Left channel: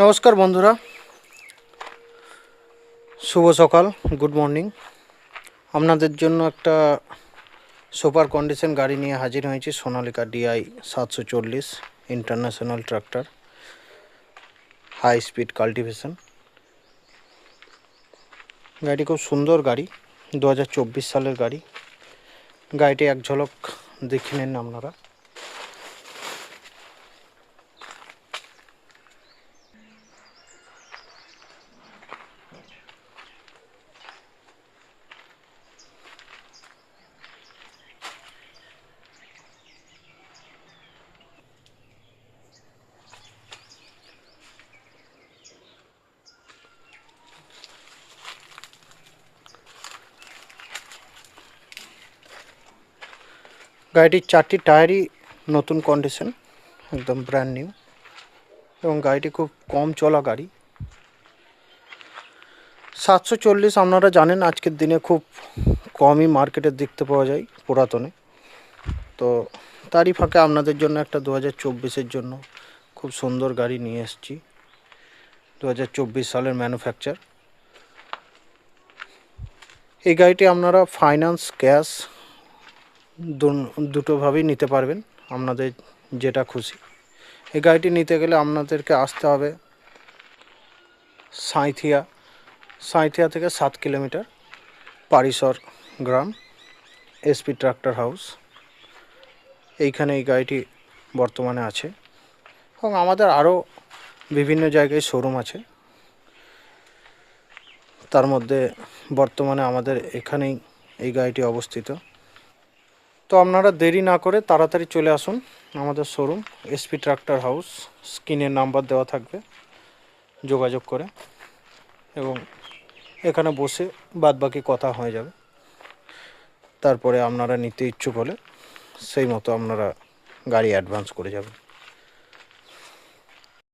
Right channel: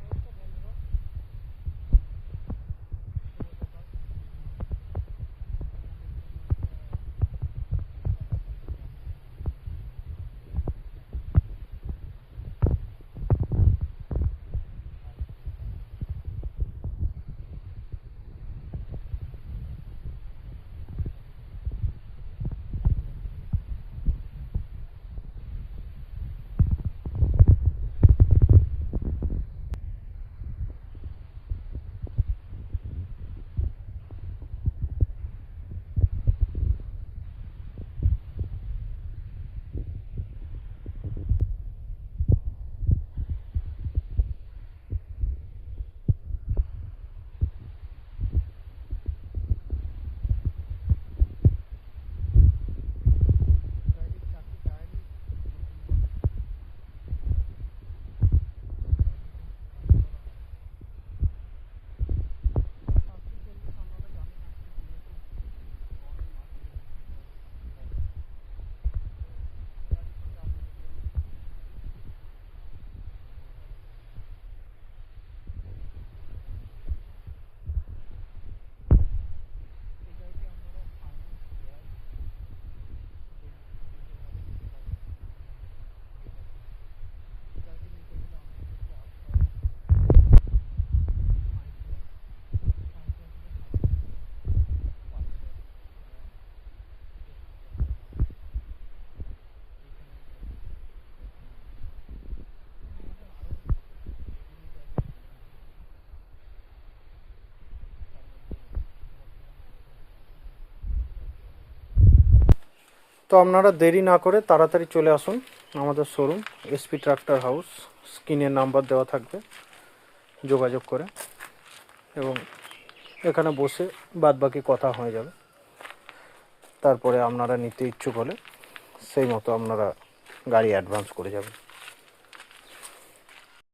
নমস্কার বন্ধুরা, শুভ সকাল, গুড মর্নিং। আপনাদের জন্য একটা সুপার কন্ডিশন গাড়ি নিয়ে হাজির হয়েছি। Sonalika DI 740 international tractor, high speed cultivation. গাড়িটি খুব সুন্দর গাড়ি, 2024 সালের গাড়ি। গাড়িটি এক ঝলক দেখে নেন আপনারা। গাড়িটির 4টি টায়ারই নতুন কন্ডিশন, একদম ব্র্যান্ড নিউ, এবং গাড়িটি খুব কম চলা গাড়ি। 740 আপনারা জানেন আজকের দিনে খুব কমই মার্কেটে দেখতে পাওয়া যায় পুরাতনে। তো তারই ফাঁকে আপনাদের জন্য একটা 2024-এর জন্য খুব সুন্দর গাড়ি নিয়ে এসেছি। 2024 সালের ম্যানুফ্যাকচার। এই গাড়িটি আপনারা ফাইন্যান্স, ক্যাশ দুটোভাবেই নিতে পারবেন, আপনাদের যেটা খুশি। এই গাড়িটি নিতে গেলে আপনাদেরকে আসতে হবে সাঁইথিয়া থেকে 7 কিলোমিটার, পারিসর গ্রাম, SP ট্রাক্টর হাউস। এইখানে এই গাড়িটি বর্তমানে আছে, এবং আমাদের আরও বিভিন্ন জায়গায় শোরুম আছে। তার মধ্যে বর্তমানে আমাদের এখানেই এই গাড়িটি অবস্থিত। তো আপনারা দেরি না করে তাড়াতাড়ি চলে আসুন আমাদের শোরুম SP ট্রাক্টর হাউস। স্ক্রিনে নাম্বার দেওয়া থাকবে, যোগাযোগ করে, এবং এখানে বসে বাদবাকি কথা হয়ে যাবে। তারপরে আপনারা নিতে ইচ্ছুক হলে সেই মতো আপনারা গাড়ি অ্যাডভান্স করে যাবেন।